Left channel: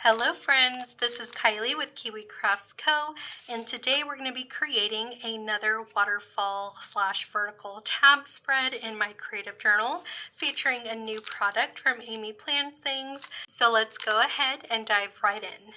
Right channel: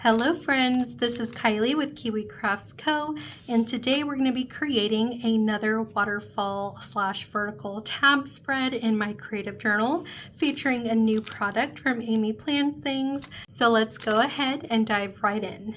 Hello friends, this is Kylie with Kiwi Crafts Co. and today we're going to be creating another waterfall / vertical tab spread in my creative journal featuring a new product from Amy Plans Things. So let's go ahead and dive right in.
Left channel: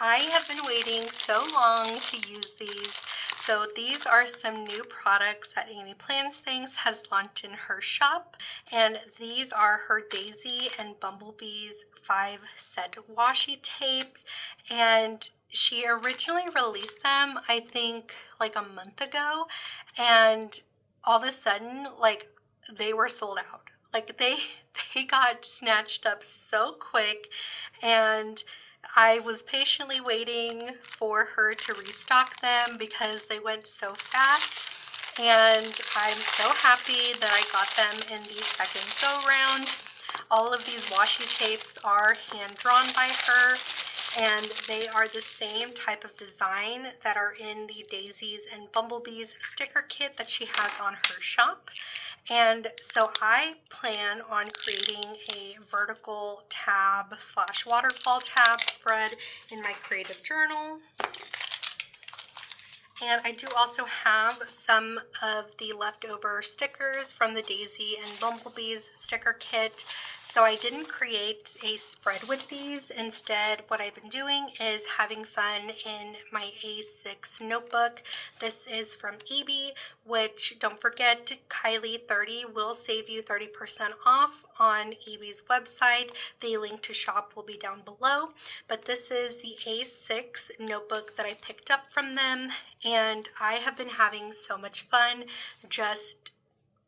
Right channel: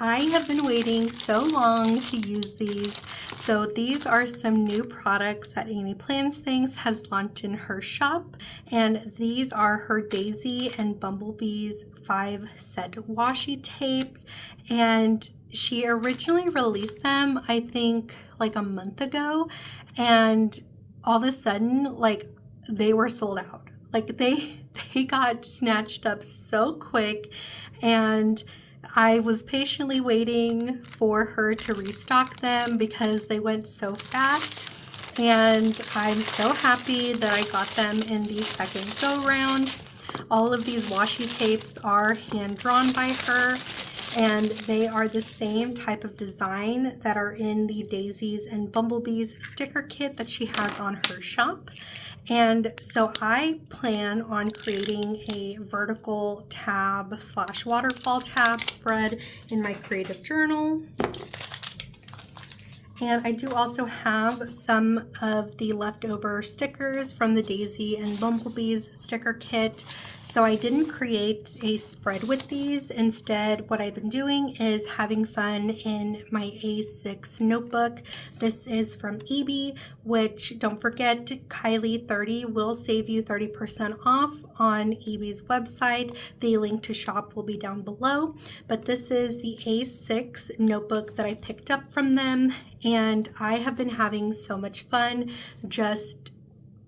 I have been waiting so long to use these. So these are some new products that Amy Plans Things has launched in her shop, and these are her Daisy and Bumblebees 5-set washi tapes, and she originally released them I think like a month ago, and all of a sudden they were sold out. Like they got snatched up so quick, and I was patiently waiting for her to restock them because they went so fast, and I'm so happy that I got them in the second go round. All of these washi tapes are hand drawn by her, and they are the same type of design that are in the Daisies and Bumblebees sticker kit that she has on her shop. And so I plan on creating a vertical tab / waterfall tab spread in my creative journal. And I do also have some of the leftover stickers from the Daisy and Bumblebees sticker kit. So I didn't create a spread with these. Instead, what I've been doing is having fun in my A6 notebook. This is from EB, which don't forget, Kylie 30 will save you 30% off on EB's website. The link to shop will be down below. But this is the A6 notebook that I picked up from them, and I have been having so much fun just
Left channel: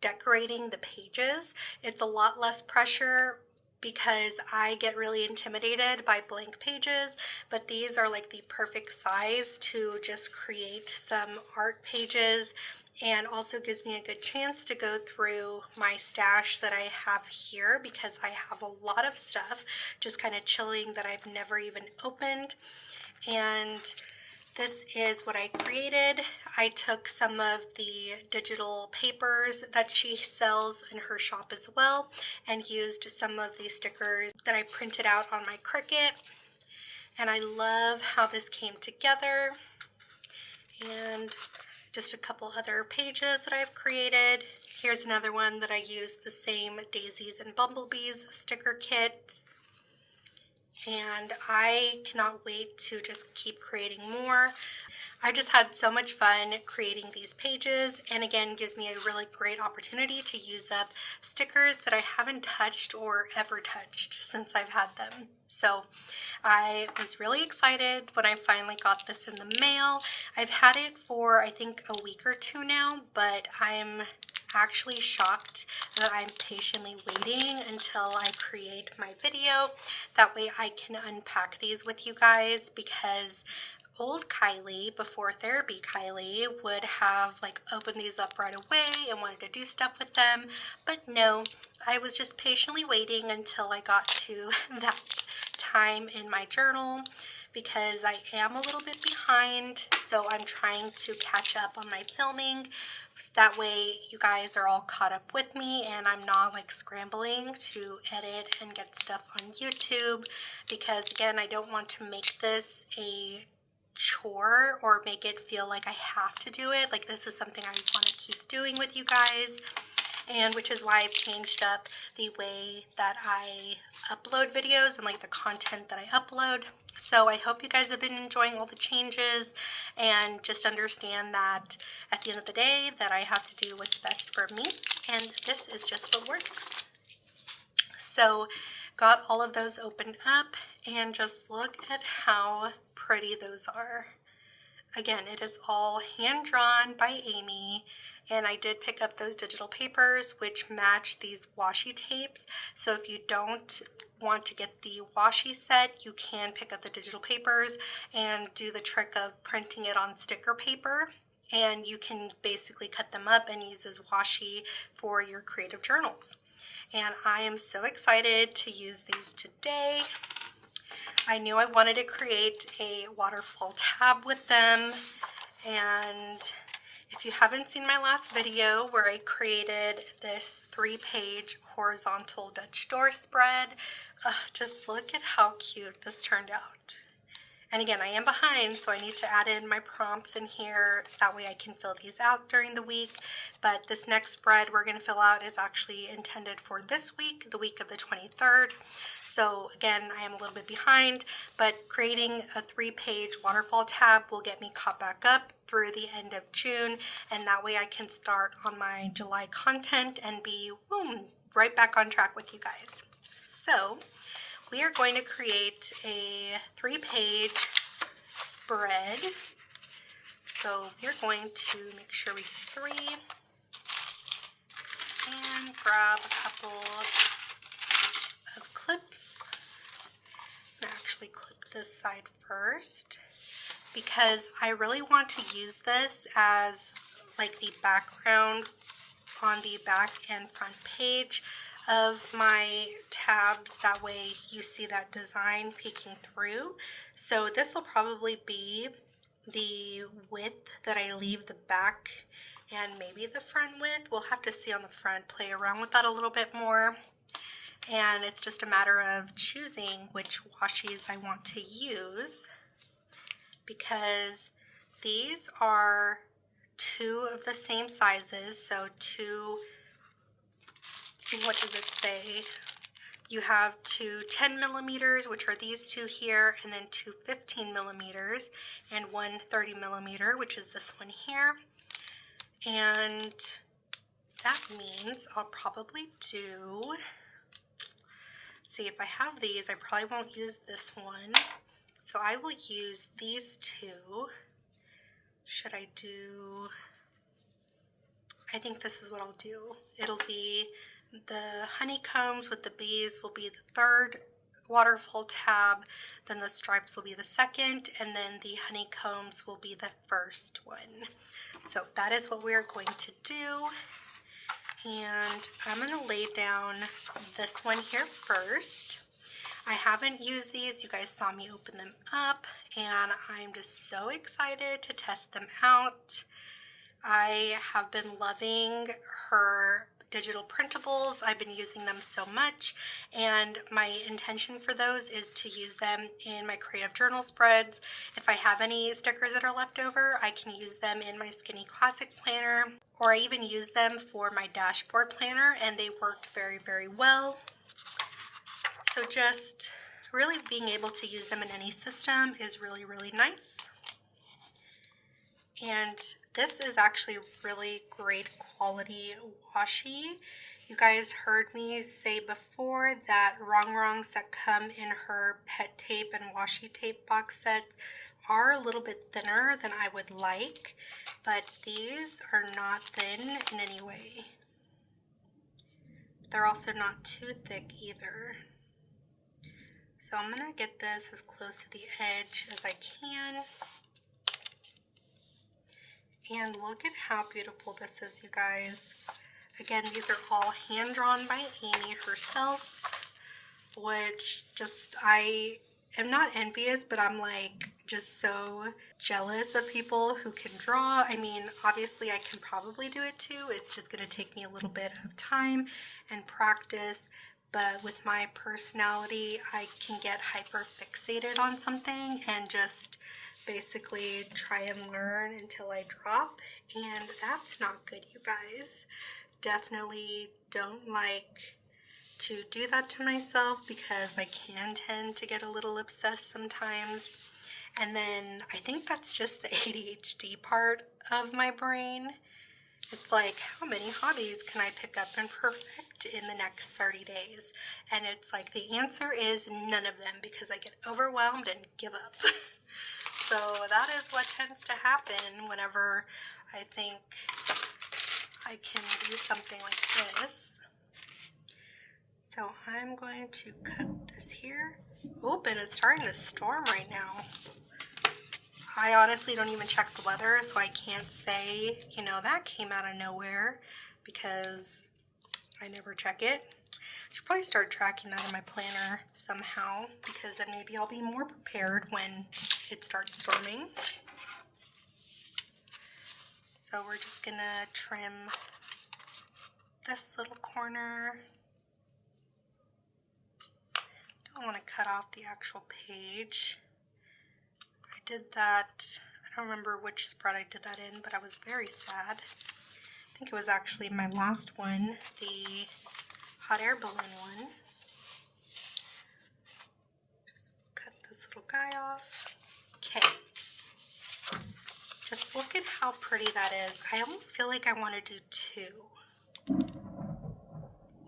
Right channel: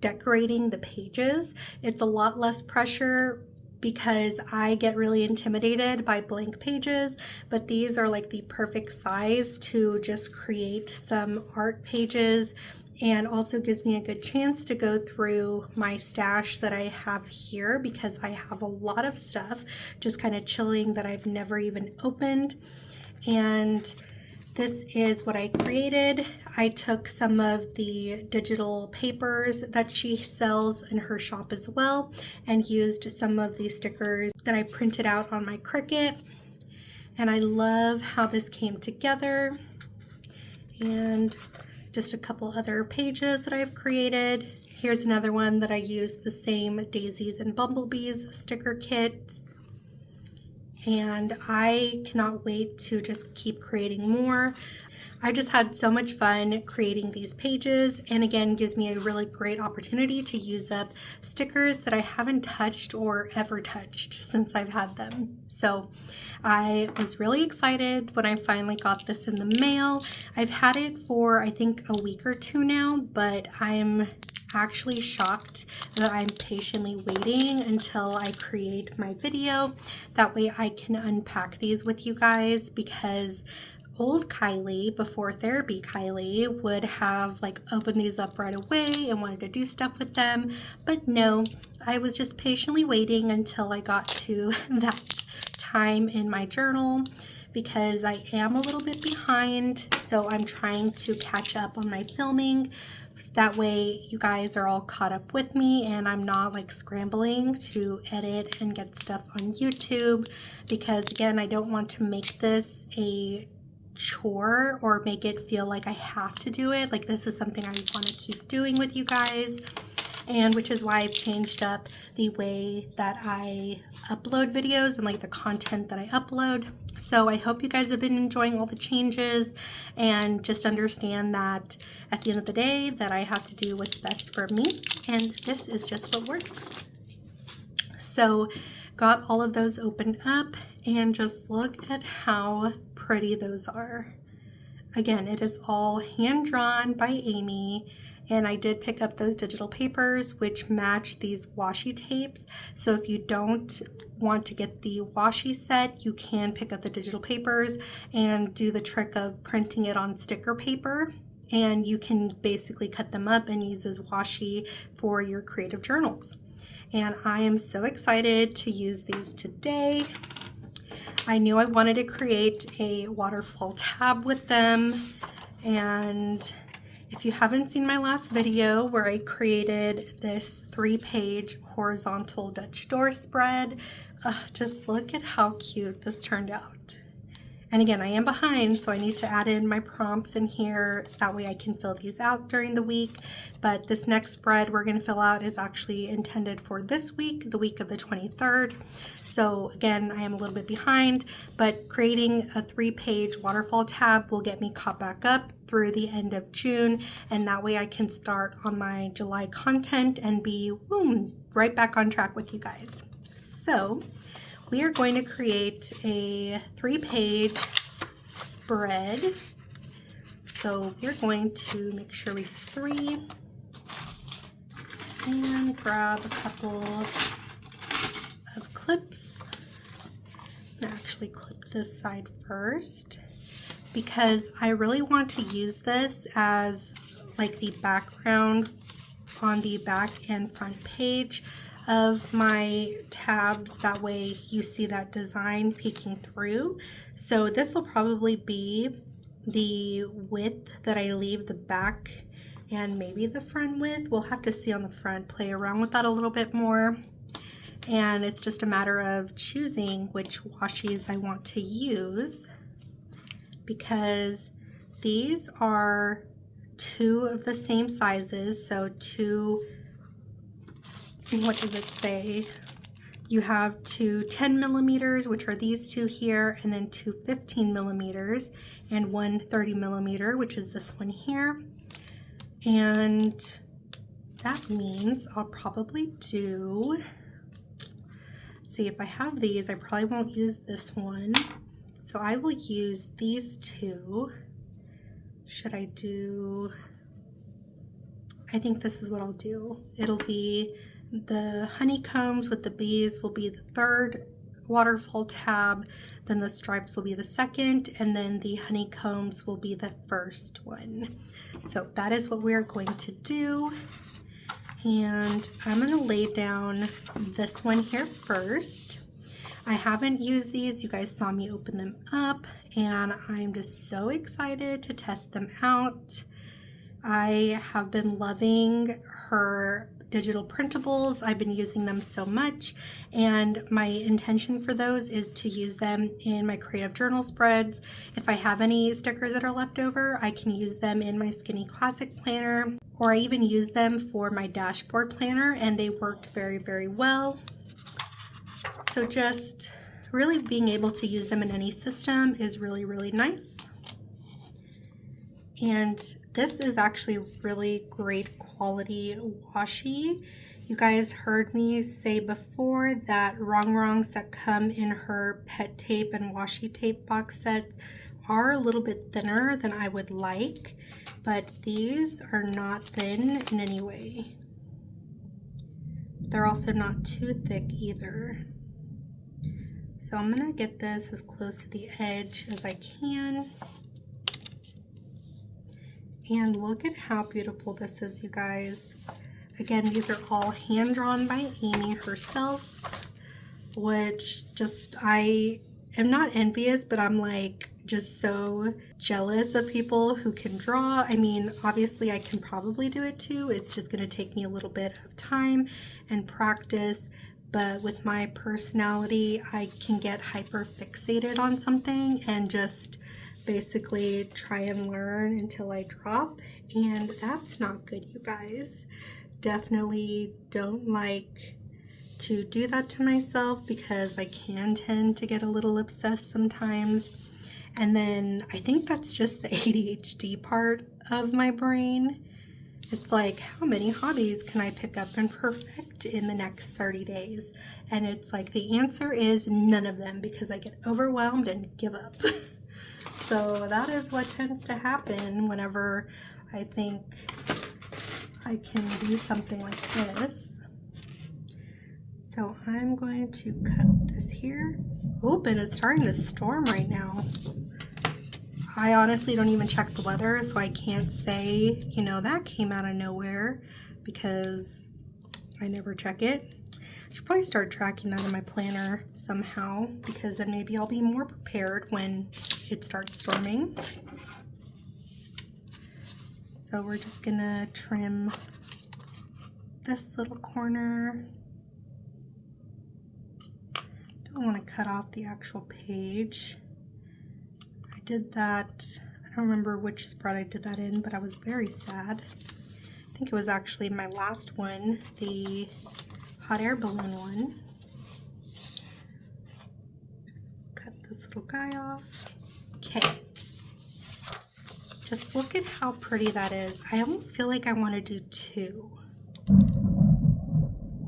decorating the pages. It's a lot less pressure because I get really intimidated by blank pages, but these are like the perfect size to just create some art pages, and also gives me a good chance to go through my stash that I have here because I have a lot of stuff just kind of chilling that I've never even opened. And this is what I created. I took some of the digital papers that she sells in her shop as well and used some of the stickers that I printed out on my Cricut. And I love how this came together. And just a couple other pages that I've created. Here's another one that I used the same Daisies and Bumblebees sticker kit. And I cannot wait to just keep creating more. I just had so much fun creating these pages, and again gives me a really great opportunity to use up stickers that I haven't touched or ever touched since I've had them. So I was really excited when I finally got this in the mail. I've had it for I think a week or two now, but I'm actually shocked that I'm patiently waiting until I create my video. That way I can unpack these with you guys, because old Kylie, before therapy Kylie, would have opened these up right away and wanted to do stuff with them. But no, I was just patiently waiting until I got to that time in my journal, because I am a little bit behind, so I'm trying to catch up on my filming. That way you guys are all caught up with me and I'm not scrambling to edit and get stuff on YouTube, because again, I don't want to make this a chore or make it feel like I have to do it. This is something I want to keep doing with you guys, and which is why I've changed up the way that I upload videos and the content that I upload. So I hope you guys have been enjoying all the changes, and just understand that at the end of the day that I have to do what's best for me, and this is just what works. So got all of those opened up, and just look at how pretty those are. Again, it is all hand drawn by Amy. And I did pick up those digital papers which match these washi tapes. So if you don't want to get the washi set, you can pick up the digital papers and do the trick of printing it on sticker paper. And you can basically cut them up and use as washi for your creative journals. And I am so excited to use these today. I knew I wanted to create a waterfall tab with them, And if you haven't seen my last video where I created this 3-page horizontal Dutch door spread, just look at how cute this turned out. And again, I am behind, so I need to add in my prompts in here so that way I can fill these out during the week. But this next spread we're going to fill out is actually intended for this week, the week of the 23rd. So again, I am a little bit behind, but creating a 3-page waterfall tab will get me caught back up through the end of June, and that way I can start on my July content and be boom, right back on track with you guys. So we are going to create a 3-page spread. So we're going to make sure we get 3 and grab a couple of clips. I'm gonna actually clip this side first because I really want to use this as like the background on the back and front page of my tabs. That way you see that design peeking through. So this will probably be the width that I leave the back and maybe the front width. We'll have to see on the front, play around with that a little bit more. And it's just a matter of choosing which washies I want to use, because these are 2 of the same sizes. So 2, what does it say? You have 2 10 millimeters, which are these 2 here, and then 2 15 millimeters, and 1 30 millimeter, which is this one here. And that means I'll probably do, see, if I have these, I probably won't use this one. So I will use these 2. Should I do, I think this is what I'll do. It'll be the honeycombs with the bees will be the 3rd waterfall tab, then the stripes will be the 2nd, and then the honeycombs will be the 1st one. So that is what we are going to do. And I'm going to lay down this one here first. I haven't used these. You guys saw me open them up, and I'm just so excited to test them out. I have been loving her digital printables. I've been using them so much, and my intention for those is to use them in my creative journal spreads. If I have any stickers that are left over, I can use them in my Skinny Classic planner, or I even use them for my dashboard planner, and they worked very, very well. So just really being able to use them in any system is really, really nice. And this is actually really great quality washi. You guys heard me say before that wrongs that come in her pet tape and washi tape box sets are a little bit thinner than I would like, but these are not thin in any way. They're also not too thick either. So I'm gonna get this as close to the edge as I can. And look at how beautiful this is, you guys. Again, these are all hand-drawn by Amy herself, which just, I am not envious, but I'm like just so jealous of people who can draw. I mean, obviously I can probably do it too. It's just gonna take me a little bit of time and practice, but with my personality, I can get hyper fixated on something and just basically try and learn until I drop, and that's not good, you guys. Definitely don't like to do that to myself because I can tend to get a little obsessed sometimes. And then I think that's just the ADHD part of my brain. It's like, how many hobbies can I pick up and perfect in the next 30 days? And it's like, the answer is none of them, because I get overwhelmed and give up. So that is what tends to happen whenever I think I can do something like this. So I'm going to cut this here. Open, it's starting to storm right now. I honestly don't even check the weather, so I can't say, you know, that came out of nowhere, because I never check it. I should probably start tracking that in my planner somehow, because then maybe I'll be more prepared when it starts storming. So we're just gonna trim this little corner. Don't want to cut off the actual page. I did that, I don't remember which spread I did that in, but I was very sad. I think it was actually my last one, the hot air balloon one. Just cut this little guy off. Okay. Just look at how pretty that is. I almost feel like I want to do two.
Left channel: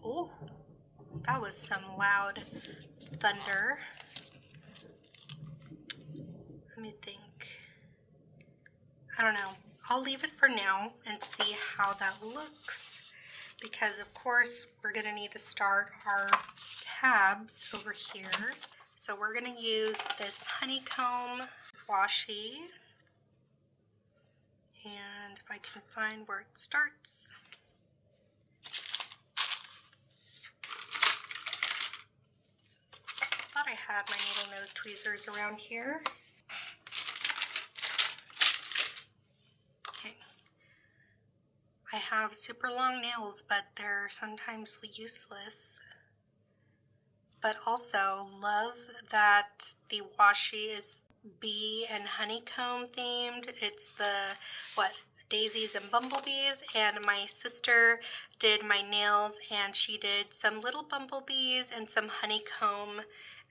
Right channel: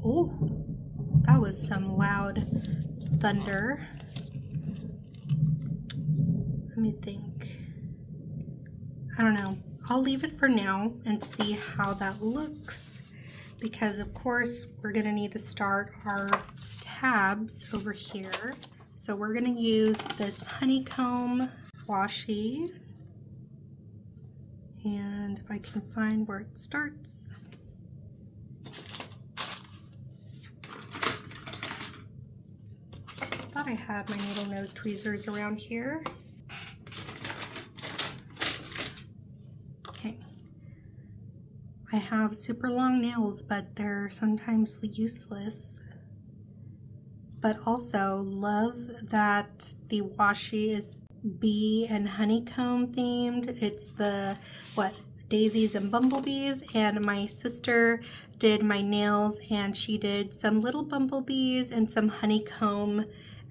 Oh, that was some loud thunder. Let me think. I don't know. I'll leave it for now and see how that looks, because of course we're gonna need to start our tabs over here. So we're gonna use this honeycomb washi, and if I can find where it starts. I thought I had my needle nose tweezers around here. Okay. I have super long nails, but they're sometimes useless. But also love that the washi is bee and honeycomb themed. It's the, Daisies and Bumblebees, and my sister did my nails and she did some little bumblebees and some honeycomb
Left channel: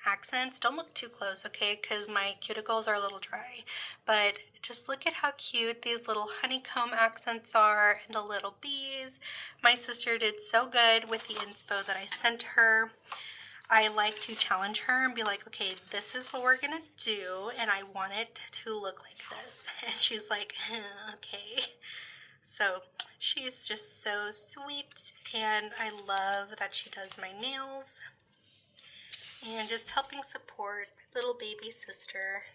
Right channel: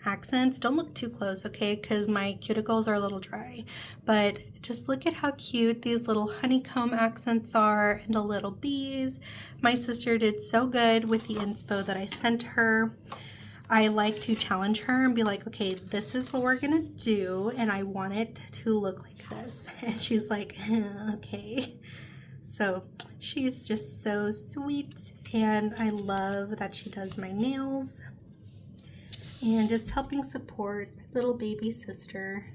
accents. Don't look too close, okay, because my cuticles are a little dry, but just look at how cute these little honeycomb accents are and the little bees. My sister did so good with the inspo that I sent her. I like to challenge her and be like, okay, this is what we're gonna do and I want it to look like this, and she's like, okay. So she's just so sweet, and I love that she does my nails and just helping support my little baby sister.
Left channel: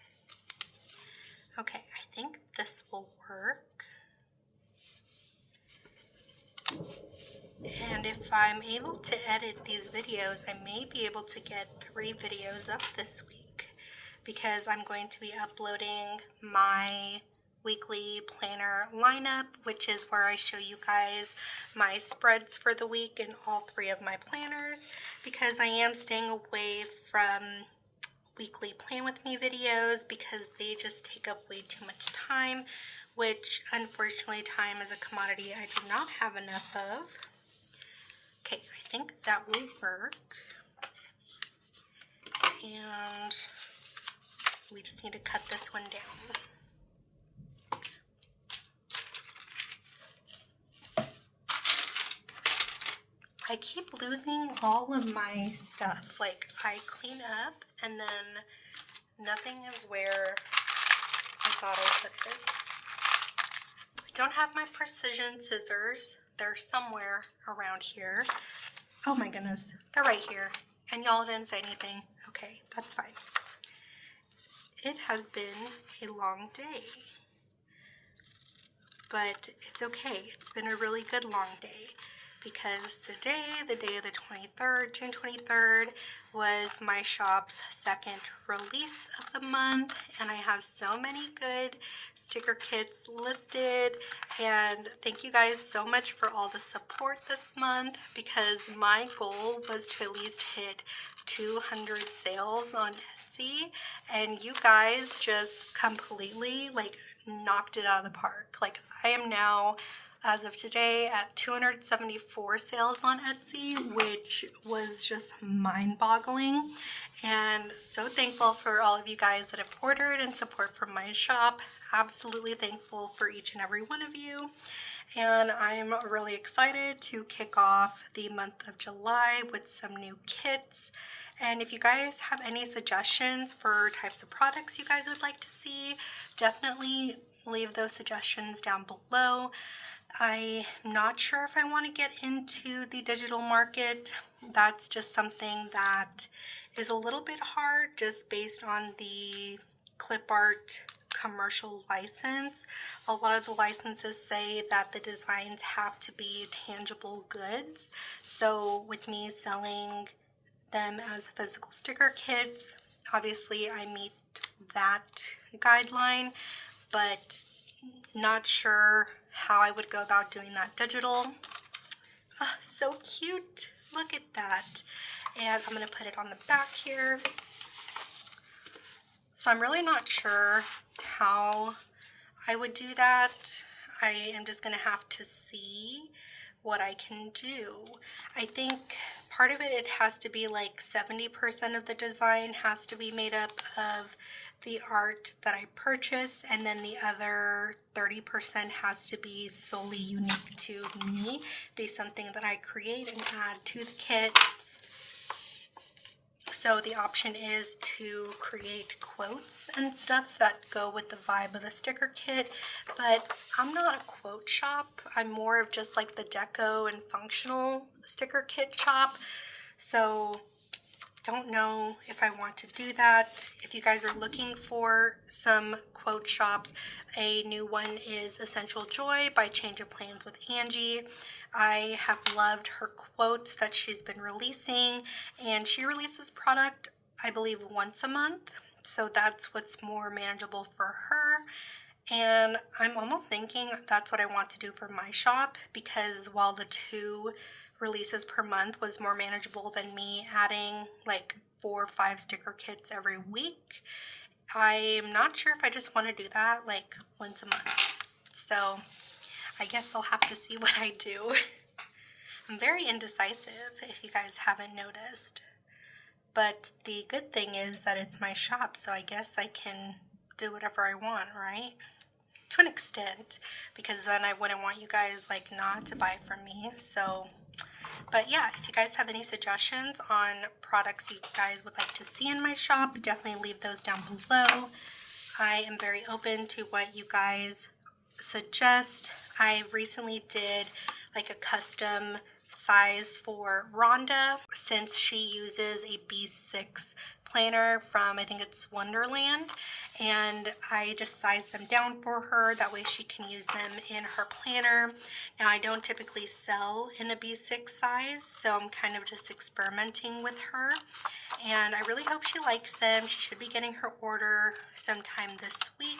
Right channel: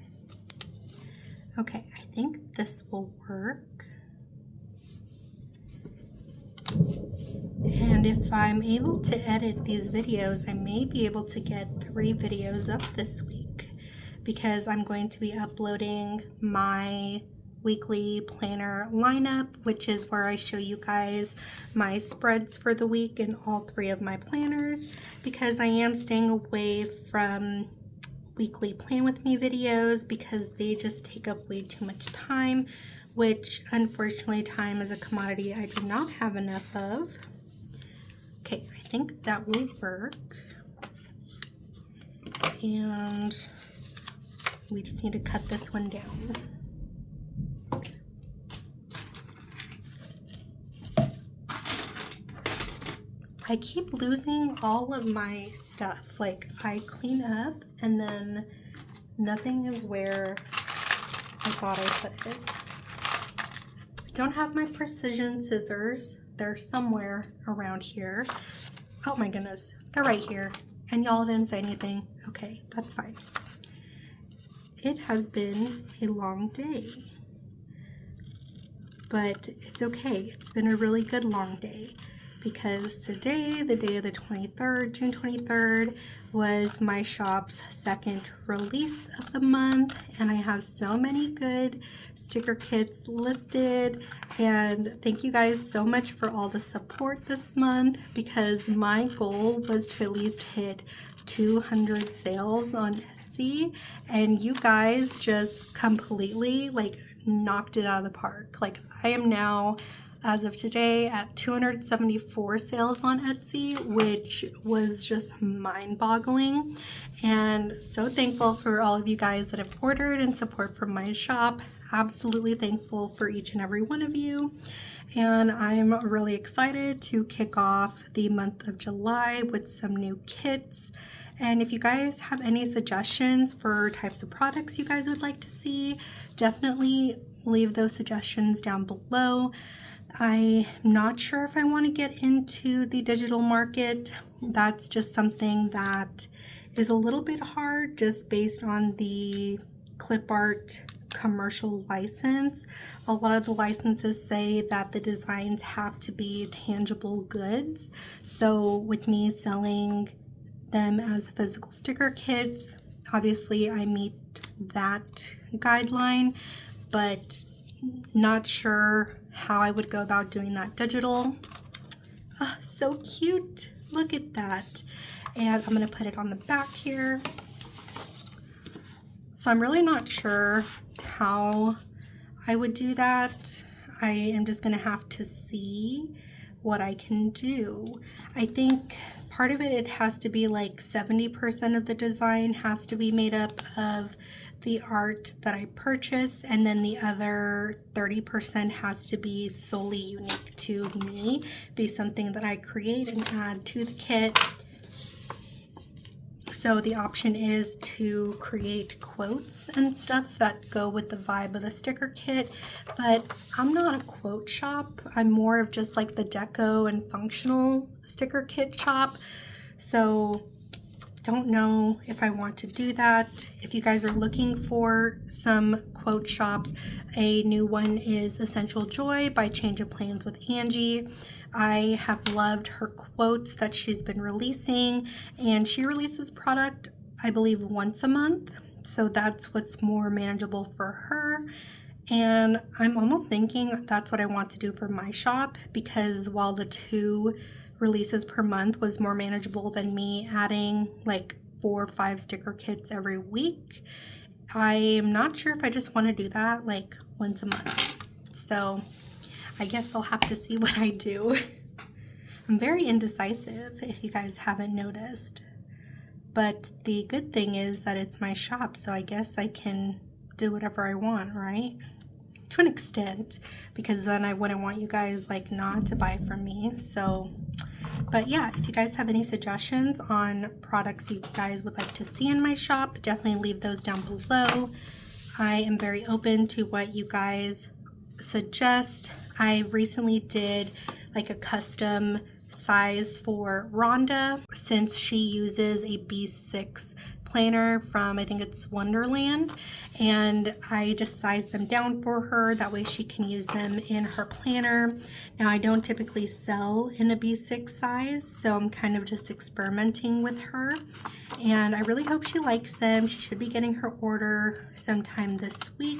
Okay, I think this will work. And if I'm able to edit these videos, I may be able to get 3 videos up this week, because I'm going to be uploading my weekly planner lineup, which is where I show you guys my spreads for the week in all 3 of my planners, because I am staying away from weekly plan with me videos because they just take up way too much time, which unfortunately time is a commodity I do not have enough of. Okay, I think that will work. And we just need to cut this one down. I keep losing all of my stuff. Like, I clean up and then nothing is where I thought I put it. I don't have my precision scissors. They're somewhere around here. Oh my goodness, they're right here. And y'all didn't say anything. Okay, that's fine. It has been a long day, but it's okay. It's been a really good long day, because today, the day of the 23rd, June 23rd, was my shop's 2nd release of the month, and I have so many good sticker kits listed, and thank you guys so much for all the support this month, because my goal was to at least hit 200 sales on Etsy, and you guys just completely like knocked it out of the park. Like, I am now, as of today, at 274 sales on Etsy, which was just mind-boggling, and so thankful for all of you guys that have ordered and support from my shop. Absolutely thankful for each and every one of you, and I'm really excited to kick off the month of July with some new kits. And if you guys have any suggestions for types of products you guys would like to see, definitely leave those suggestions down below. I'm not sure if I want to get into the digital market. That's just something that is a little bit hard, just based on the clip art commercial license. A lot of the licenses say that the designs have to be tangible goods. So with me selling them as physical sticker kits, obviously I meet that guideline, but not sure how I would go about doing that digital. Oh, so cute. Look at that. And I'm going to put it on the back here. So I'm really not sure how I would do that. I am just going to have to see what I can do. I think part of it has to be like 70% of the design has to be made up of the art that I purchase, and then the other 30% has to be solely unique to me, be something that I create and add to the kit. So the option is to create quotes and stuff that go with the vibe of the sticker kit, but I'm not a quote shop. I'm more of just like the deco and functional sticker kit shop. So don't know if I want to do that. If you guys are looking for some quote shops, a new one is Essential Joy by Change of Plans with Angie. I have loved her quotes that she's been releasing, and she releases product, I believe, once a month. So that's what's more manageable for her. And I'm almost thinking that's what I want to do for my shop, because while the 2 releases per month was more manageable than me adding like 4 or 5 sticker kits every week, I am not sure if I just want to do that like once a month. So I guess I'll have to see what I do. I'm very indecisive, if you guys haven't noticed. But the good thing is that it's my shop, so I guess I can do whatever I want, right? To an extent, because then I wouldn't want you guys like not to buy from me. So, but yeah, if you guys have any suggestions on products you guys would like to see in my shop, definitely leave those down below. I am very open to what you guys suggest. I recently did like a custom size for Rhonda, since she uses a B6 planner from, I think it's Wonderland, and I just sized them down for her. That way she can use them in her planner. Now I don't typically sell in a B6 size, so I'm kind of just experimenting with her, and I really hope she likes them. She should be getting her order sometime this week.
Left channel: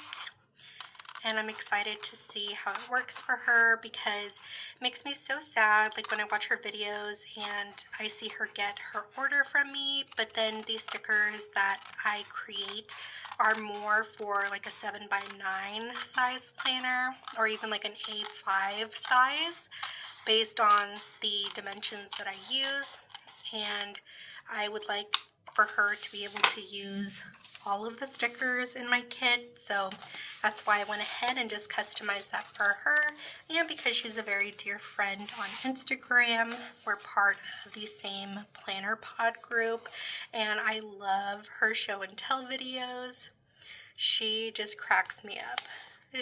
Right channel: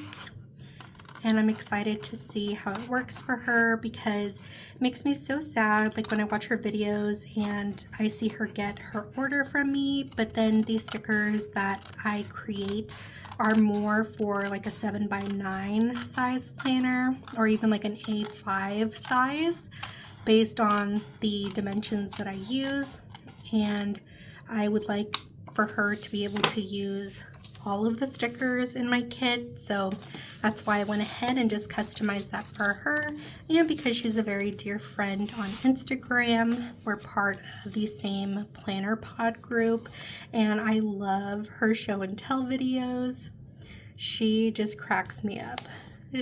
And I'm excited to see how it works for her, because it makes me so sad, like when I watch her videos and I see her get her order from me, but then these stickers that I create are more for like a 7x9 size planner, or even like an A5 size, based on the dimensions that I use. And I would like for her to be able to use all of the stickers in my kit, so that's why I went ahead and just customized that for her. And because she's a very dear friend on Instagram, we're part of the same planner pod group, and I love her show and tell videos. She just cracks me up.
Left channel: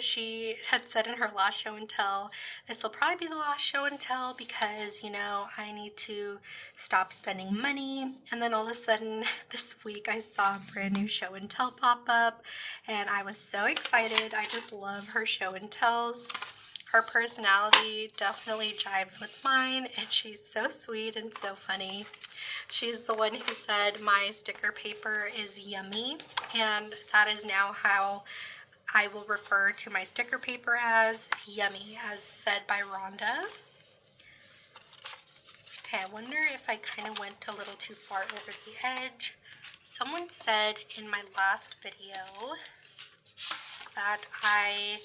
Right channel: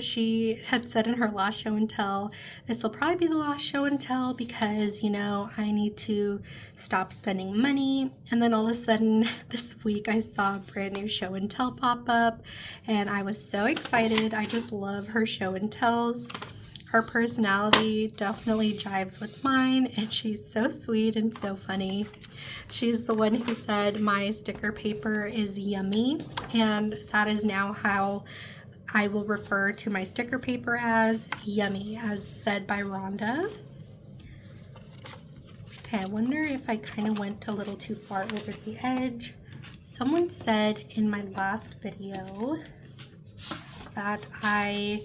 She had said in her last show and tell, this will probably be the last show and tell because, you know, I need to stop spending money. And then all of a sudden this week I saw a brand new show and tell pop up, and I was so excited. I just love her show and tells. Her personality definitely jives with mine, and she's so sweet and so funny. She's the one who said my sticker paper is yummy, and that is now how I will refer to my sticker paper, as yummy, as said by Rhonda. Okay, I wonder if I kind of went a little too far over the edge. Someone said in my last video that I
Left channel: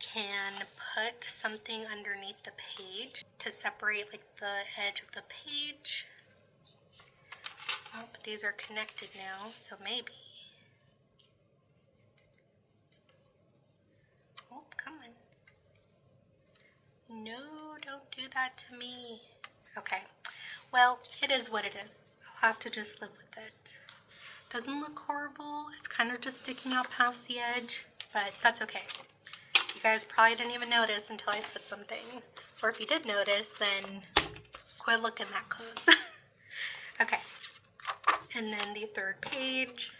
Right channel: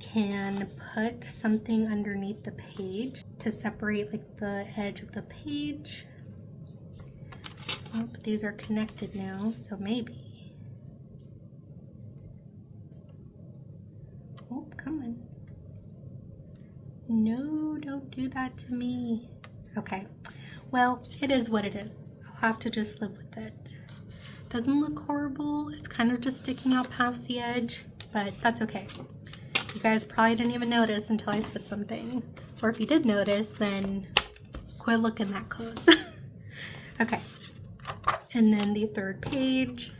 can put something underneath the page to separate like the edge of the page. Oh, but these are connected now, so maybe. Oh, come on. No, don't do that to me. Okay, well, it is what it is. I'll have to just live with it. Doesn't look horrible. It's kind of just sticking out past the edge, but that's okay. You guys probably didn't even notice until I said something. Or if you did notice, then quit looking that close. Okay, and then the third page.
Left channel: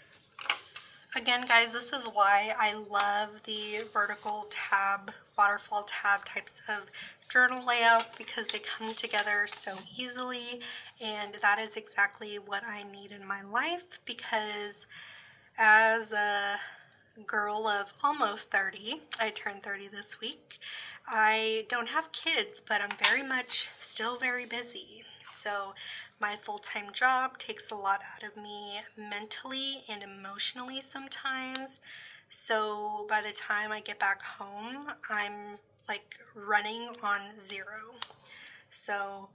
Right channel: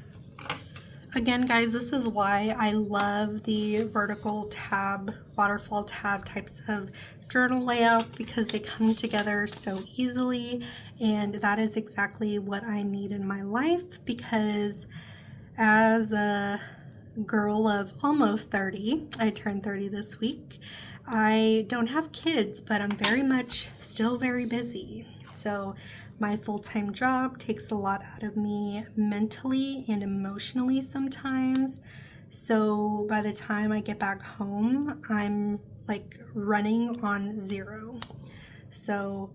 Again, guys, this is why I love the vertical tab, waterfall tab types of journal layouts, because they come together so easily, and that is exactly what I need in my life, because as a girl of almost 30. I turned 30 this week. I don't have kids, but I'm very much still very busy. So my full-time job takes a lot out of me mentally and emotionally sometimes. So by the time I get back home, I'm like running on zero. So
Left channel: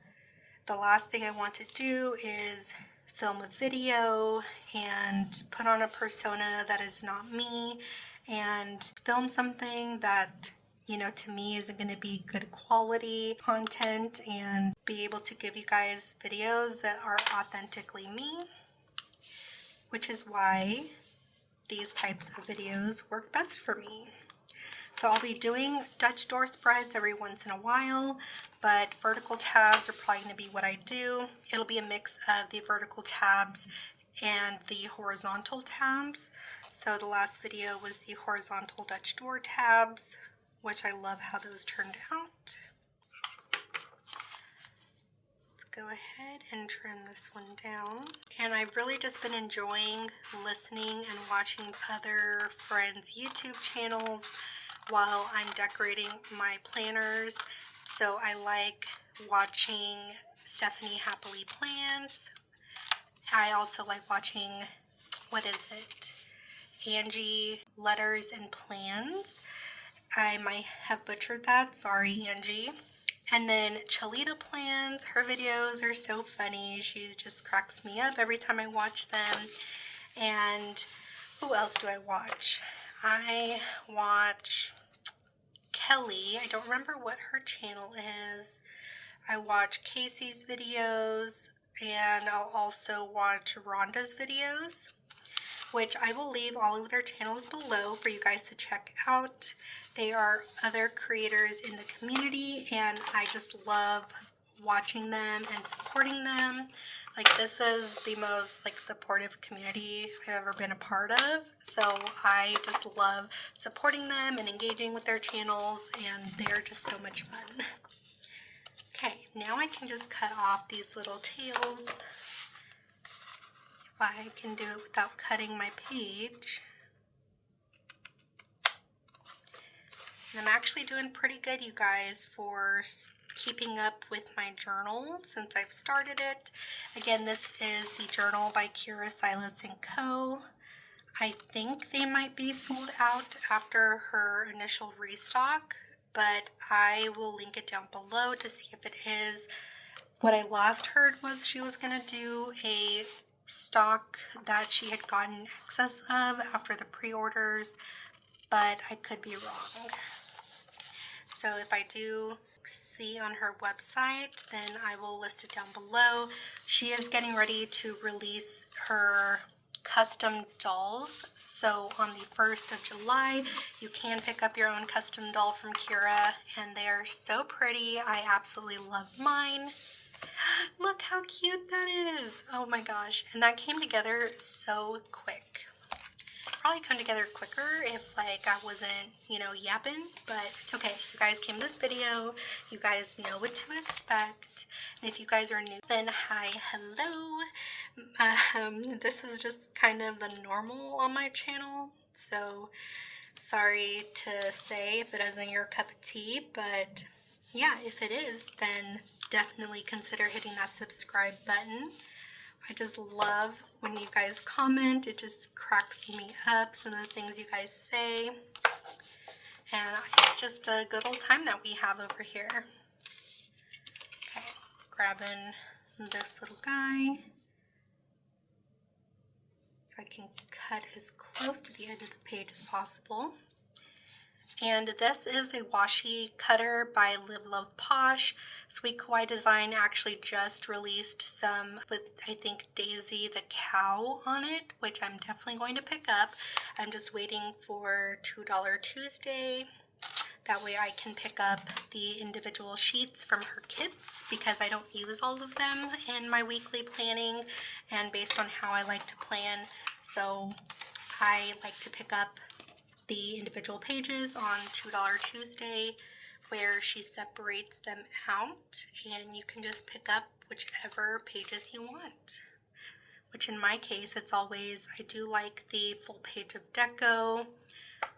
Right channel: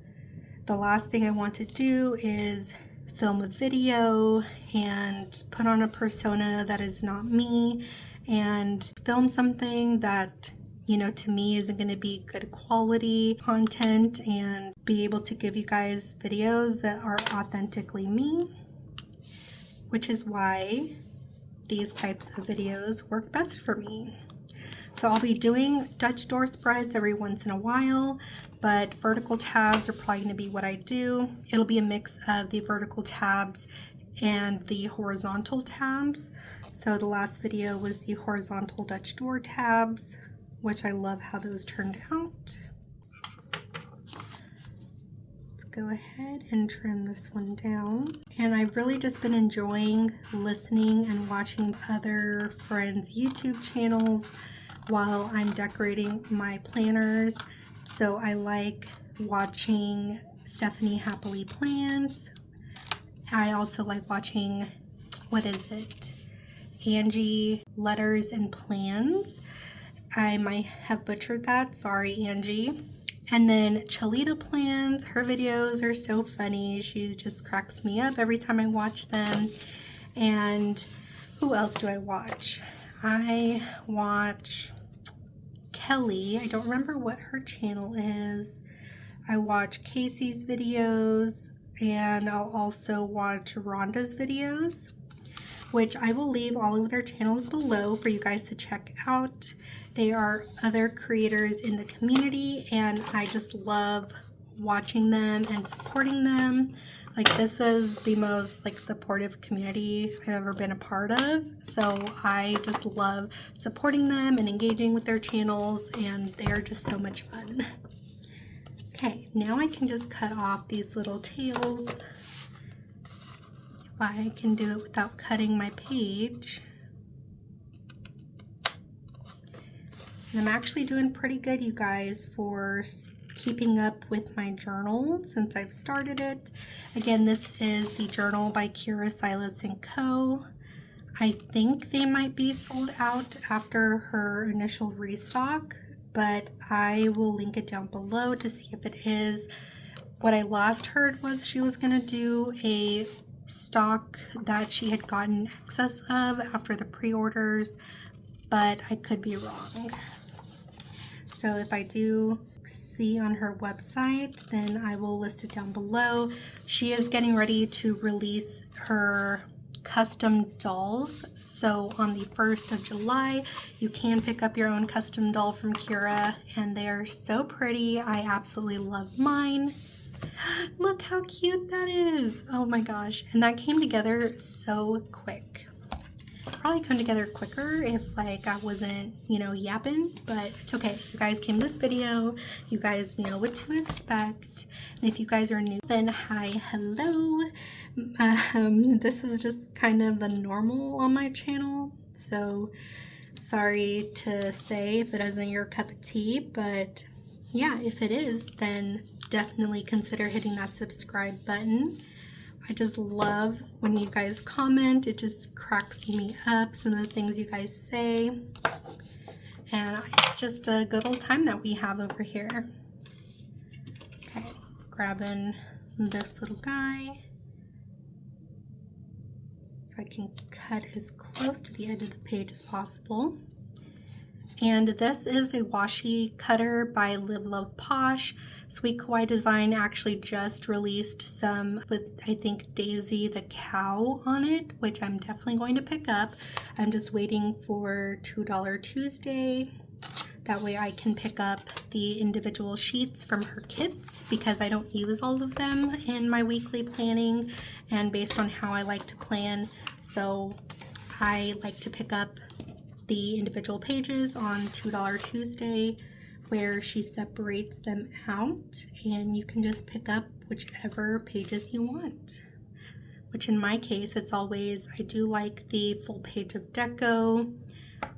the last thing I want to do is film a video and put on a persona that is not me and film something that, you know, to me isn't going to be good quality content and be able to give you guys videos that are authentically me, which is why these types of videos work best for me. So I'll be doing Dutch door spreads every once in a while, but vertical tabs are probably going to be what I do. It'll be a mix of the vertical tabs and the horizontal tabs. So the last video was the horizontal Dutch door tabs, which I love how those turned out. Let's go ahead and trim this one down. And I've really just been enjoying listening and watching other friends' YouTube channels while I'm decorating my planners. So I like watching Stephanie Happily Plans. I also like watching, what is it? Angie Letters and Plans. I might have butchered that, sorry Angie. And then Chalita Plans, her videos are so funny. She just cracks me up every time I watch them. And who else do I watch? I watch Kelly. I don't remember what her channel is. I watch Casey's videos, and I'll also watch Rhonda's videos, which I will leave all of their channels below for you guys to check out. They are other creators in the community, and I just love watching them and supporting them. Like, this is the most like supportive community I've ever been a part of. So I just love supporting them and engaging with their channels, and they're just so much fun. Okay, now I can just cut off these little tails. If I can do it without cutting my page. And I'm actually doing pretty good, you guys, for keeping up with my journal since I've started it. Again, this is the journal by Kira, Silas, and Co. I think they might be sold out after her initial restock, but I will link it down below to see if it is. What I last heard was she was going to do a stock that she had gotten excess of after the pre-orders, but I could be wrong. So if I do see on her website, then I will list it down below. She is getting ready to release her custom dolls. So on the 1st of July, you can pick up your own custom doll from Kira, and they are so pretty. I absolutely love mine. Look how cute that is. Oh my gosh. And that came together so quick. Probably come together quicker if like I wasn't, you know, yapping, but it's okay. You guys came to this video, you guys know what to expect, and if you guys are new, then hi, hello. This is just kind of the normal on my channel, so sorry to say if it isn't your cup of tea, but yeah, if it is, then definitely consider hitting that subscribe button. I just love when you guys comment. It just cracks me up, some of the things you guys say. And it's just a good old time that we have over here. Okay, grabbing this little guy so I can cut as close to the edge of the page as possible. And this is a washi cutter by Live Love Posh. Sweet Kawaii Design actually just released some with, I think, Daisy the cow on it, which I'm definitely going to pick up. I'm just waiting for $2 Tuesday. That way I can pick up the individual sheets from her kits because I don't use all of them in my weekly planning and based on how I like to plan. So I like to pick up the individual pages on $2 Tuesday where she separates them out and you can just pick up whichever pages you want. Which in my case, it's always, I do like the full page of deco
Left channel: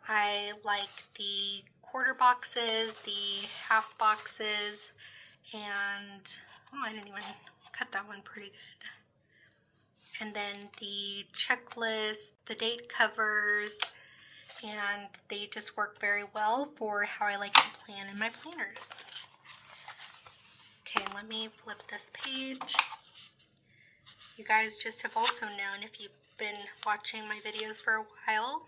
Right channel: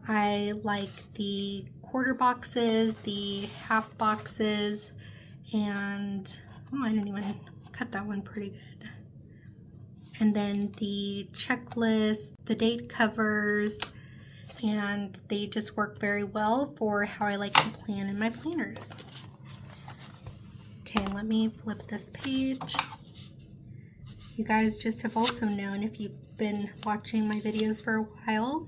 I like the quarter boxes, the half boxes, and oh, I didn't even cut that one pretty good. And then the checklist, the date covers, and they just work very well for how I like to plan in my planners. Okay, let me flip this page. You guys just have also known, if you've been watching my videos for a while,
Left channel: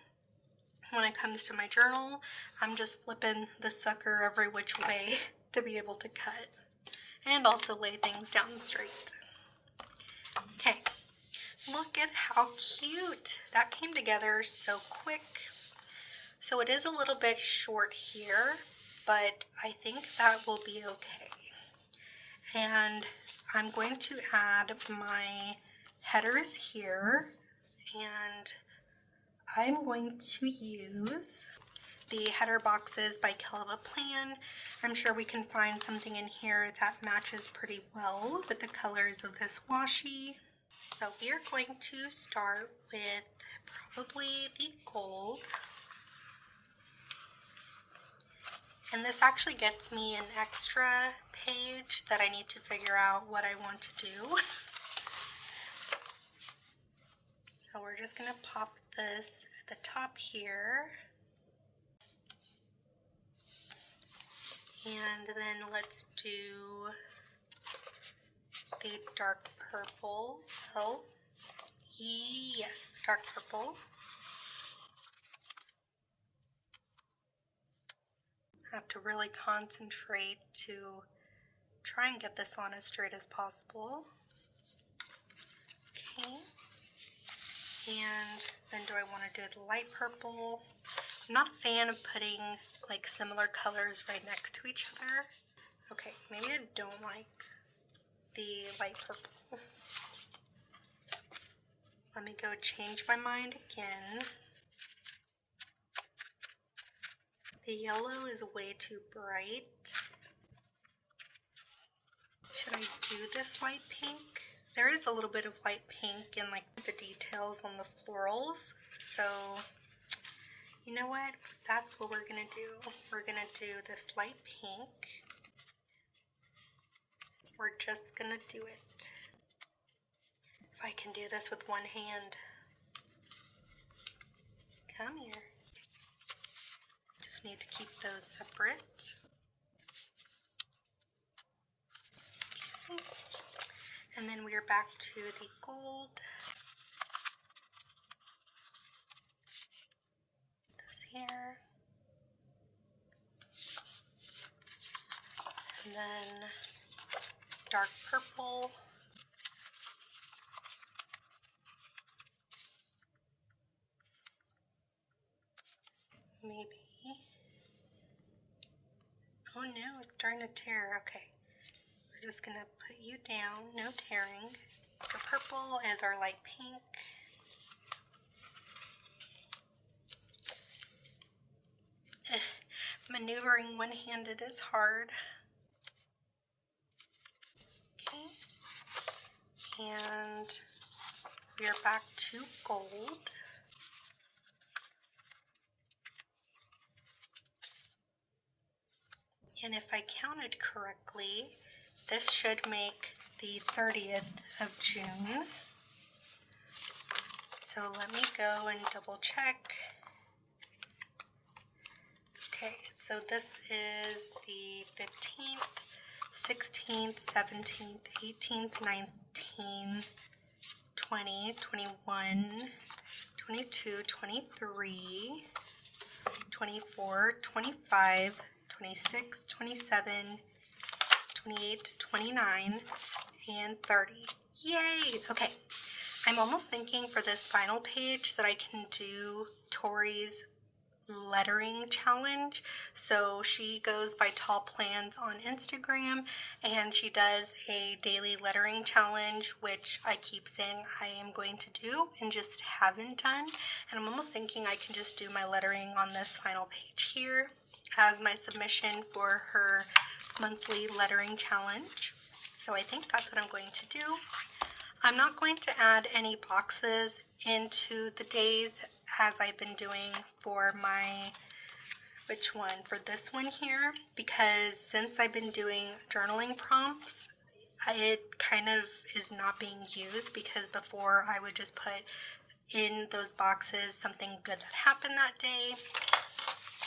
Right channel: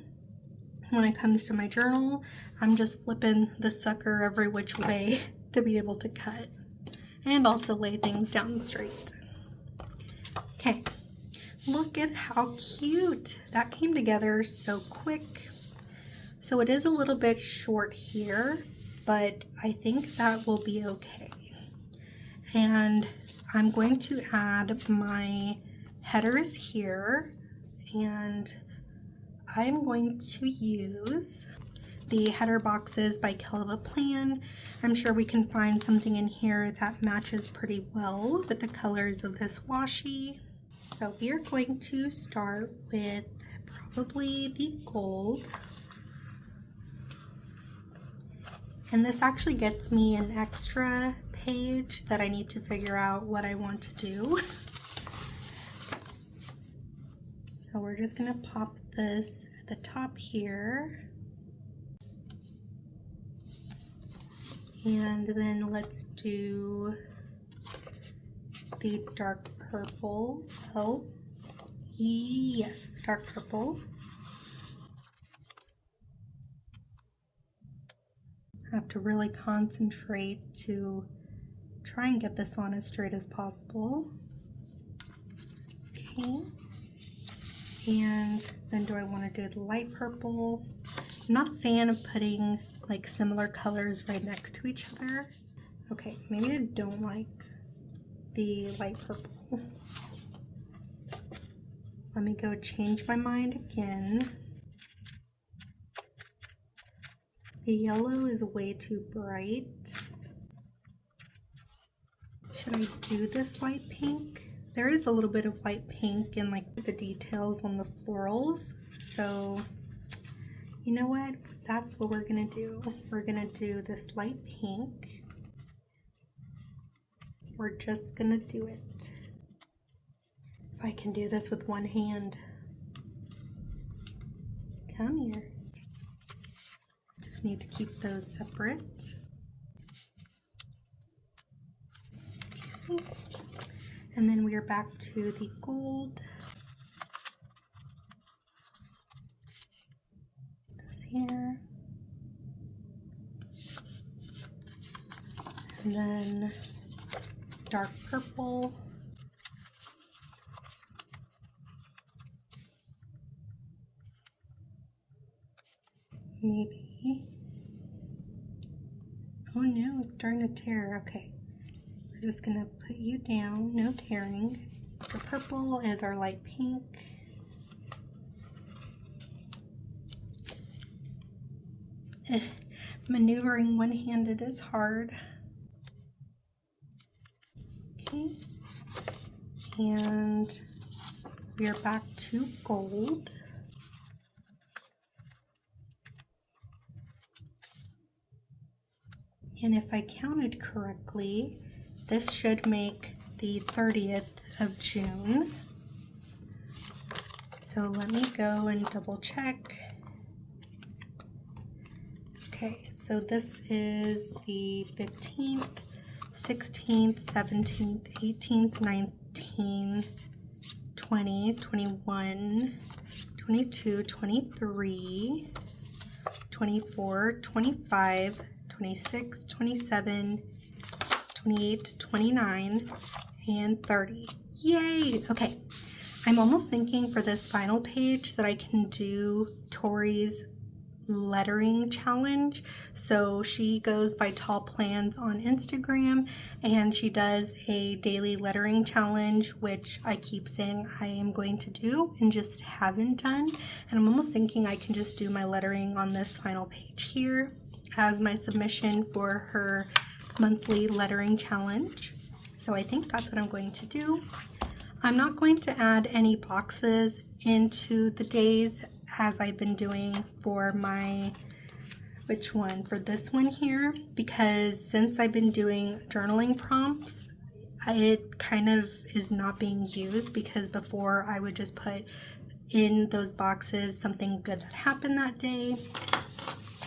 when it comes to my journal, I'm just flipping the sucker every which way to be able to cut and also lay things down straight. Okay, look at how cute. That came together so quick. So it is a little bit short here, but I think that will be okay. And I'm going to add my headers here, and I'm going to use the header boxes by Kill of a Plan. I'm sure we can find something in here that matches pretty well with the colors of this washi. So we are going to start with probably the gold. And this actually gets me an extra page that I need to figure out what I want to do. So we're just gonna pop this at the top here. And then let's do the dark purple. Oh, yes, the dark purple. I have to really concentrate to try and get this on as straight as possible. Okay. And then do I want to do the light purple? I'm not a fan of putting like similar colors right next to each other. Okay, maybe I don't like the light purple. Let me go change my mind again. The yellow is way too bright. Should I do this light pink? There is a little bit of light pink in like the details on the florals. So you know what? That's what we're gonna do. We're gonna do this light pink. We're just gonna do it. If I can do this with one hand. Come here. Just need to keep those separate. Okay. And then we are back to the gold. This here. And then dark purple. Maybe. Oh no, it's starting to tear. Okay. We're just gonna put you down, no tearing. The purple is our light pink. Maneuvering one-handed is hard. Okay. And we are back to gold. And if I counted correctly, this should make the 30th of June. So let me go and double check. Okay, so this is the 15th, 16th, 17th, 18th, 19th, 20, 21, 22, 23, 24, 25, 26, 27, 28, 29, and 30. Yay! Okay, I'm almost thinking for this final page that I can do Tori's lettering challenge. So she goes by Tall Plans on Instagram, and she does a daily lettering challenge, which I keep saying I am going to do and just haven't done. And I'm almost thinking I can just do my lettering on this final page here as my submission for her monthly lettering challenge. So I think that's what I'm going to do. I'm not going to add any boxes into the days as I've been doing for my, which one? For this one here, because since I've been doing journaling prompts, it kind of is not being used, because before I would just put in those boxes something good that happened that day.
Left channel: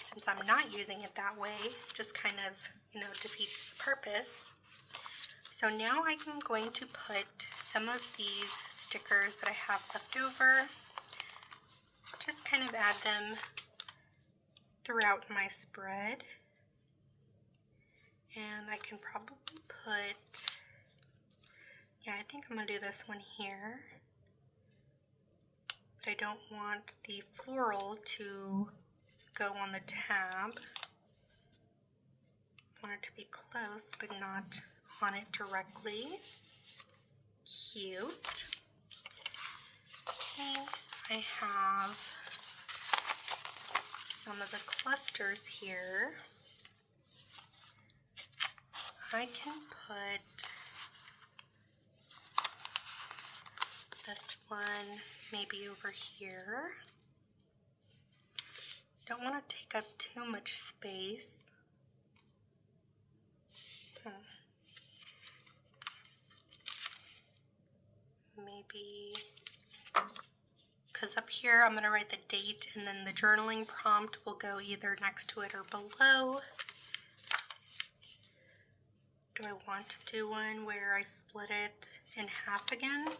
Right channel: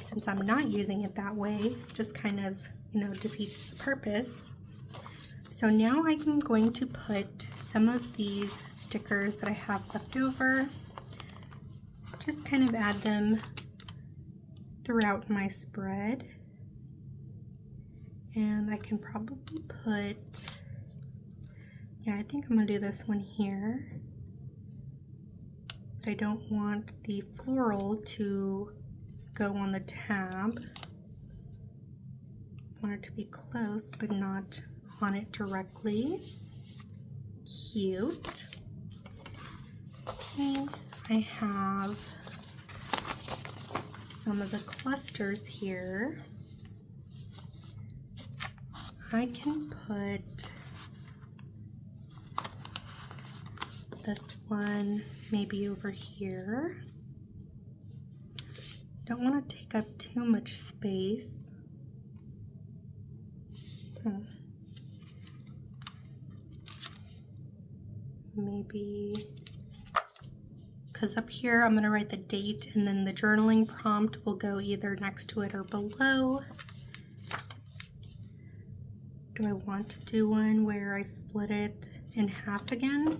Since I'm not using it that way, just kind of, you know, defeats the purpose. So now I'm going to put some of these stickers that I have left over, just kind of add them throughout my spread. And I can probably put, yeah, I think I'm gonna do this one here. But I don't want the floral to go on the tab. I want it to be close, but not on it directly. Cute. Okay, I have some of the clusters here. I can put this one maybe over here. Don't want to take up too much space. Maybe, because up here I'm going to write the date, and then the journaling prompt will go either next to it or below. Do I want to do one where I split it in half again?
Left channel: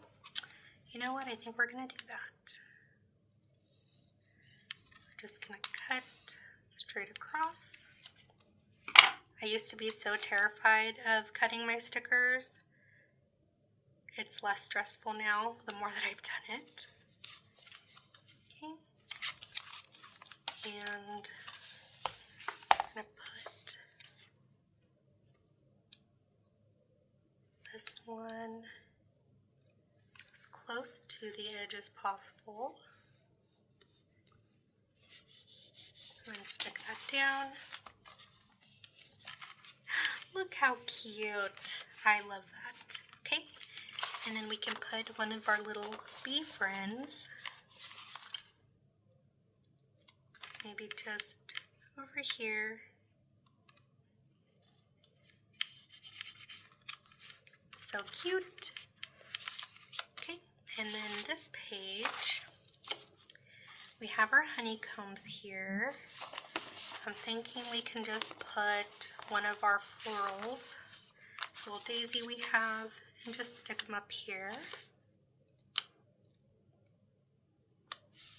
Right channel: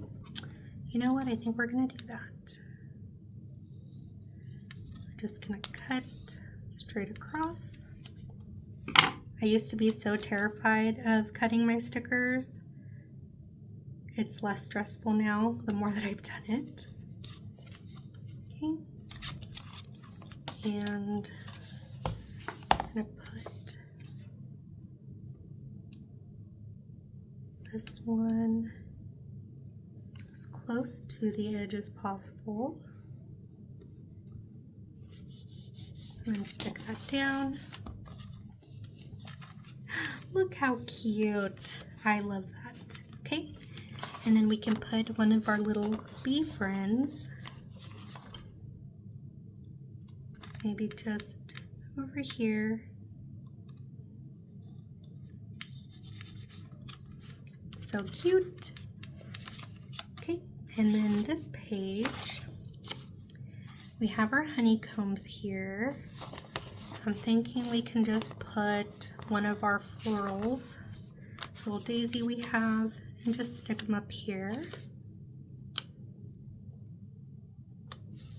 You know what? I think we're going to do that. We're just going to cut straight across. I used to be so terrified of cutting my stickers. It's less stressful now, the more that I've done it. Okay. And I'm gonna put this one as close to the edge as possible. And then stick that down. Look how cute. I love that. Okay. And then we can put one of our little bee friends, maybe just over here. So cute. Okay, and then this page, we have our honeycombs here. I'm thinking we can just put one of our florals, this little daisy we have, and just stick them up here.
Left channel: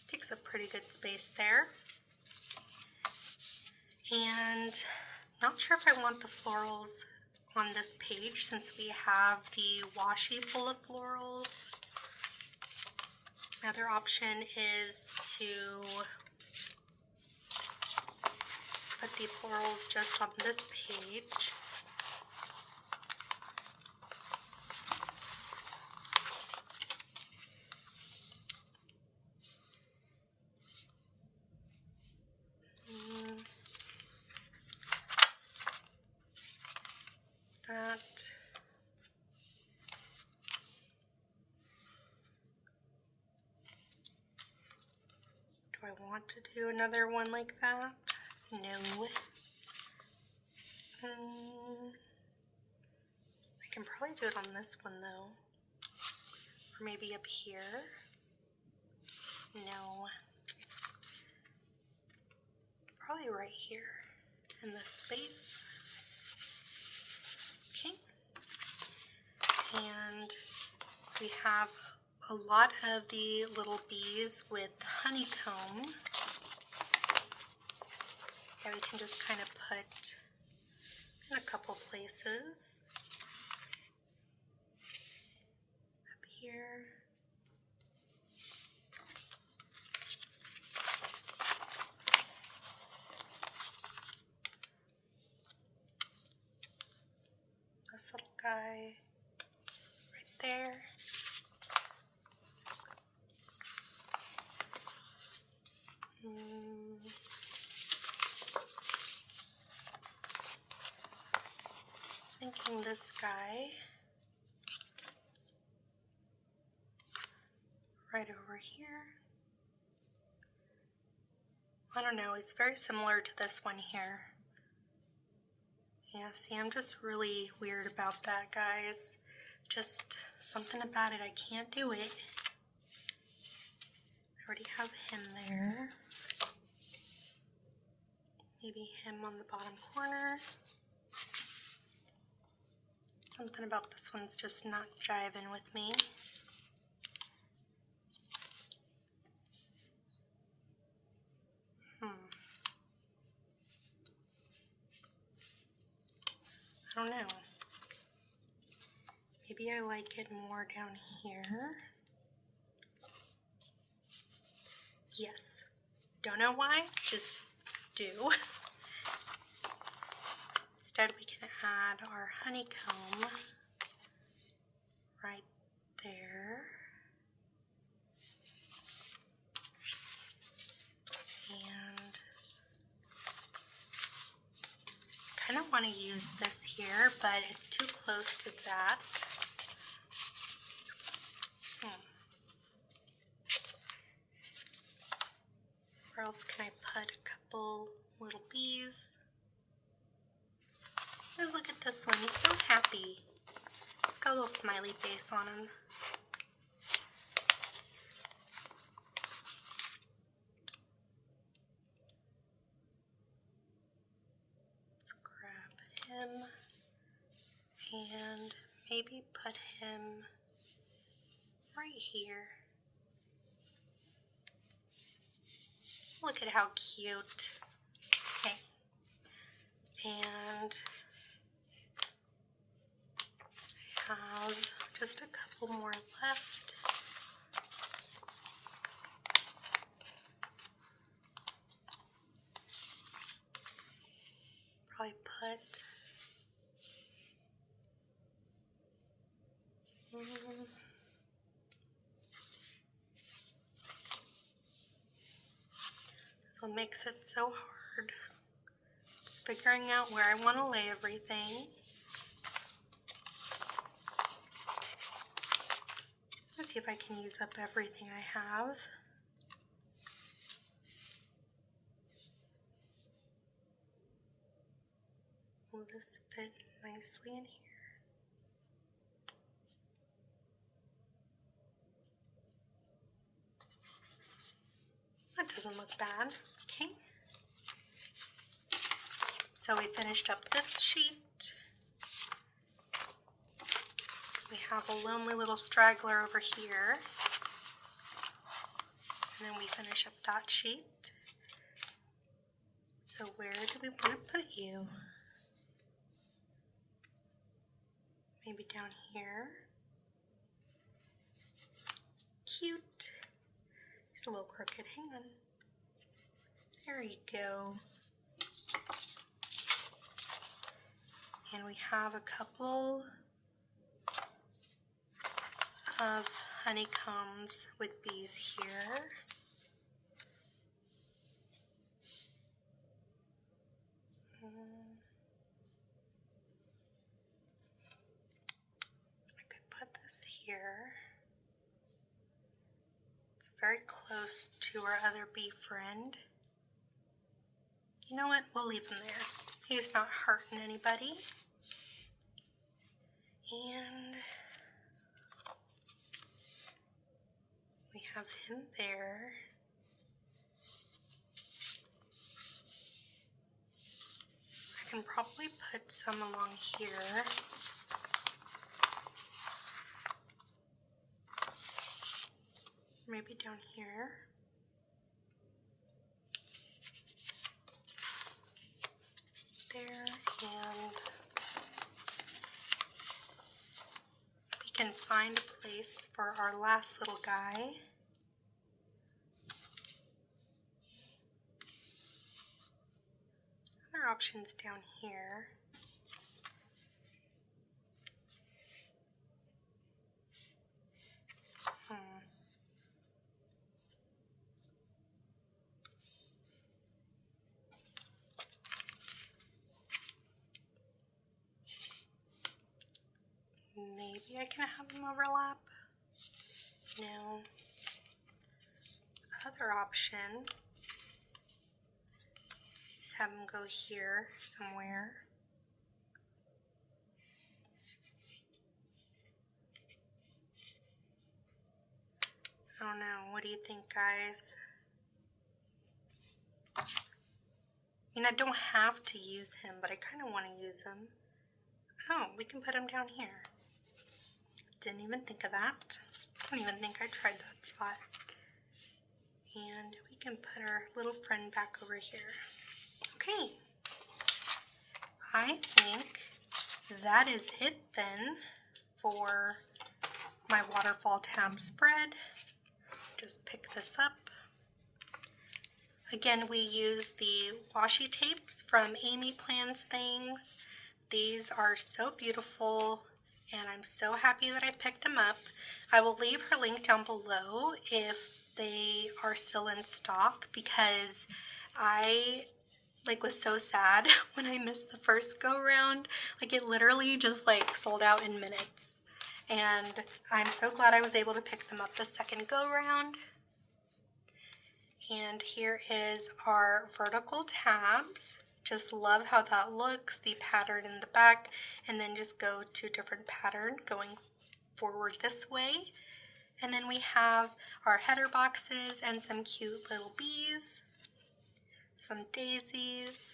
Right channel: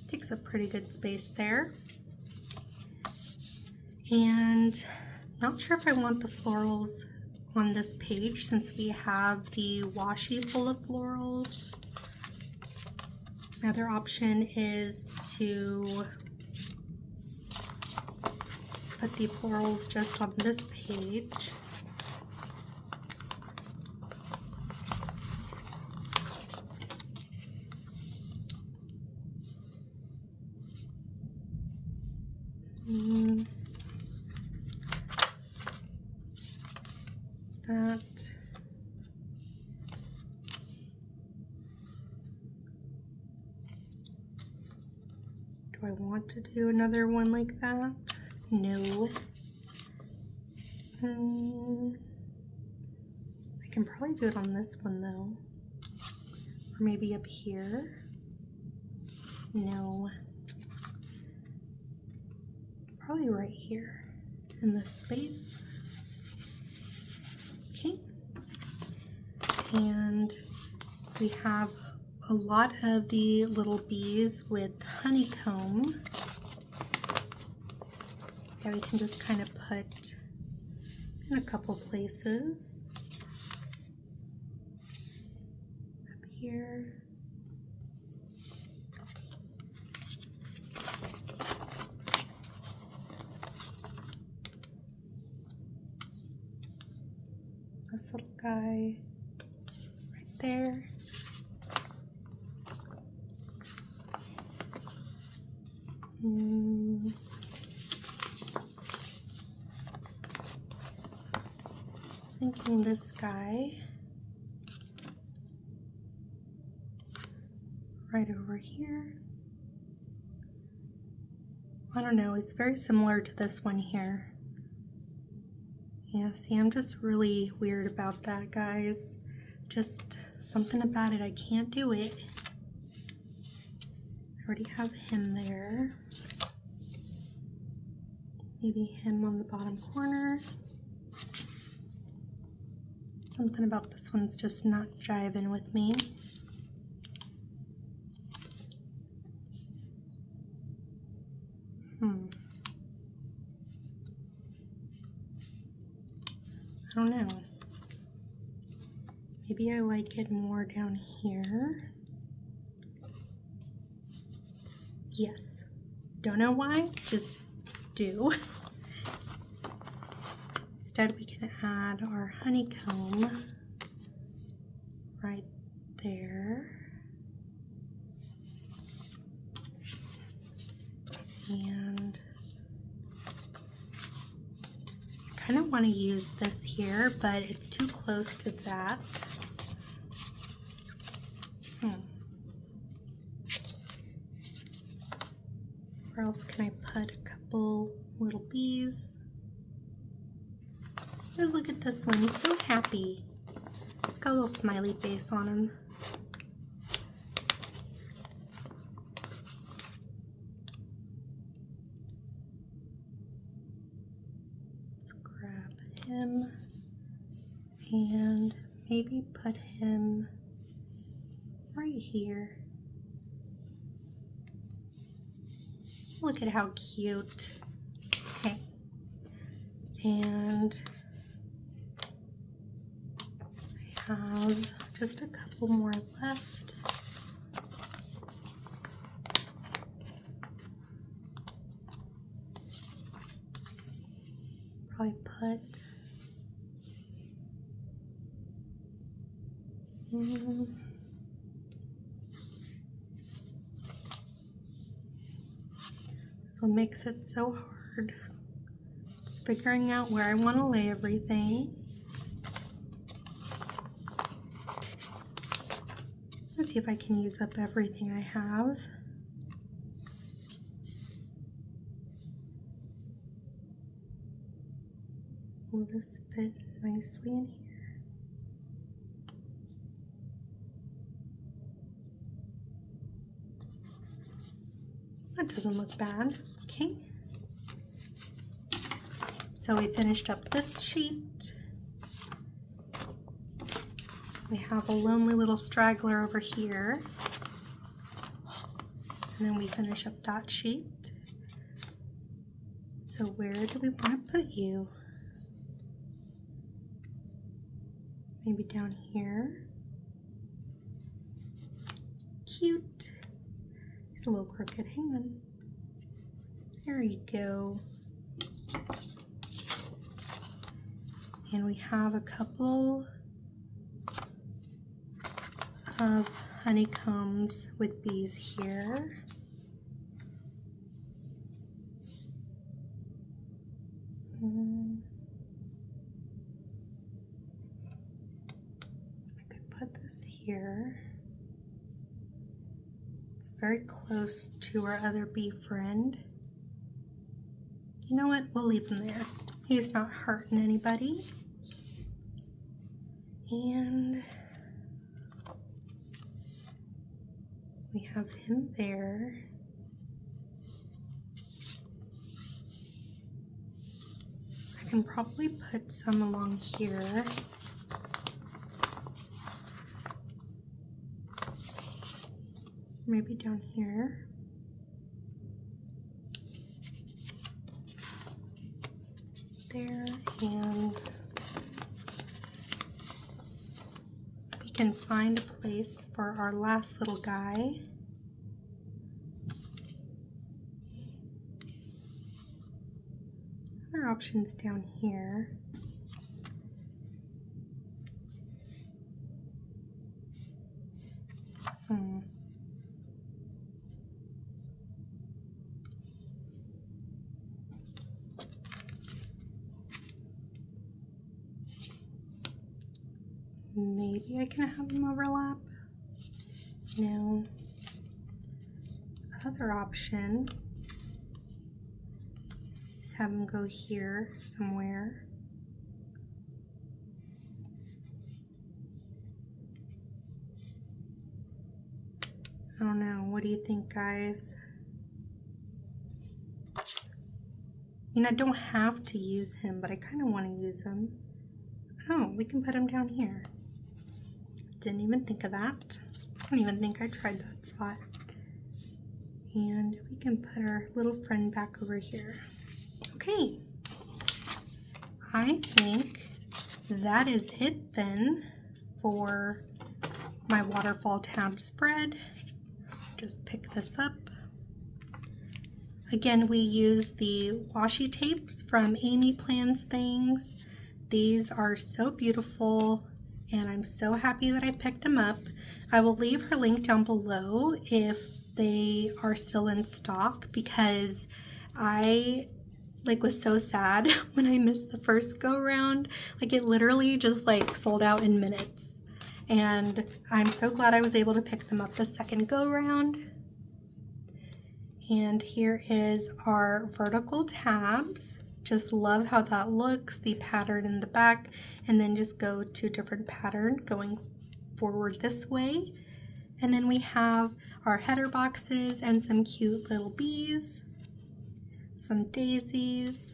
Takes up pretty good space there. And not sure if I want the florals on this page since we have the washi full of florals. Another option is to put the florals just on this page. That. Do I want to do another one like that? No. I can probably do it on this one though. Or maybe up here. No. Probably right here in this space. Okay. And we have a lot of the little bees with honeycomb. Yeah, we can just kind of put in a couple places. Up here. This little guy right there. Thinking this guy right over here. I don't know, it's very similar to this one here. Yeah, see, I'm just really weird about that, guys. Just something about it, I can't do it. I already have him there. Maybe him on the bottom corner. Something about this one's just not jiving with me. I don't know. Maybe I like it more down here. Yes. Don't know why, just do. Instead, we can add our honeycomb right there. And I kind of want to use this here, but it's too close to that. Where else can I put a couple little bees? Just look at this one, he's so happy. He's got a little smiley face on him. Let's grab him and maybe put him right here. Look at how cute. Okay. And I have just a couple more left. Probably put what makes it so hard. Just figuring out where I want to lay everything. Let's see if I can use up everything I have. Will this fit nicely in here? That doesn't look bad. Okay. So we finished up this sheet. We have a lonely little straggler over here. And then we finish up that sheet. So where do we want to put you? Maybe down here. Cute. He's a little crooked. Hang on. There you go. And we have a couple of honeycombs with bees here. I could put this here. It's very close to our other bee friend. You know what? We'll leave him there. He's not hurting anybody. And we have him there. I can probably put some along here. Maybe down here. There, and we can find a place for our last little guy. Other options down here. Maybe I can have them overlap. No. Other option have them go here somewhere. I don't know. What do you think, guys? I mean, I don't have to use him, but I kind of want to use him. Oh, we can put him down here. Didn't even think of that. I don't even think I tried that spot. And we can put our little friend back over here. Okay. I think that is it then for my waterfall tab spread. Just pick this up. Again, we use the washi tapes from Amy Plans Things. These are so beautiful, and I'm so happy that I picked them up. I will leave her link down below if they are still in stock, because I was so sad when I missed the first go round. Like, it literally just sold out in minutes, and I'm so glad I was able to pick them up the second go round. And here is our vertical tabs. Just love how that looks, the pattern in the back, and then just go to a different pattern going forward this way. And then we have our header boxes and some cute little bees, some daisies.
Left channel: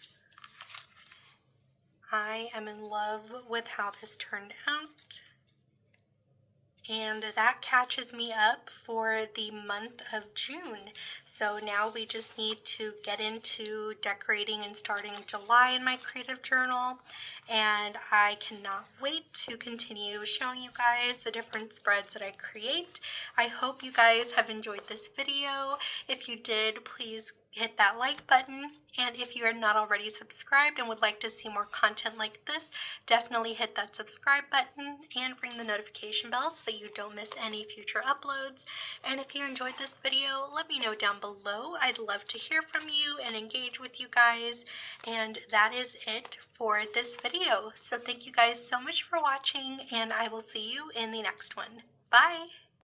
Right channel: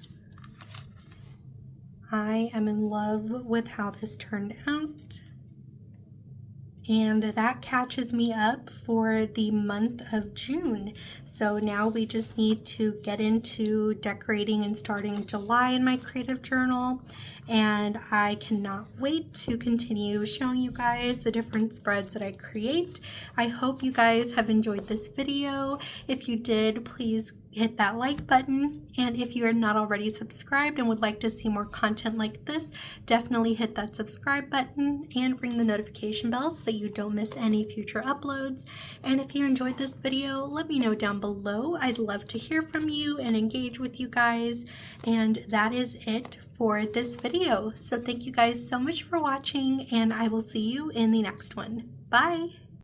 I am in love with how this turned out. And that catches me up for the month of June. So now we just need to get into decorating and starting July in my creative journal. And I cannot wait to continue showing you guys the different spreads that I create. I hope you guys have enjoyed this video. If you did, please hit that like button, and if you are not already subscribed and would like to see more content like this, definitely hit that subscribe button and ring the notification bell so that you don't miss any future uploads. And if you enjoyed this video, let me know down below. I'd love to hear from you and engage with you guys. And that is it for this video. So thank you guys so much for watching, and I will see you in the next one. Bye!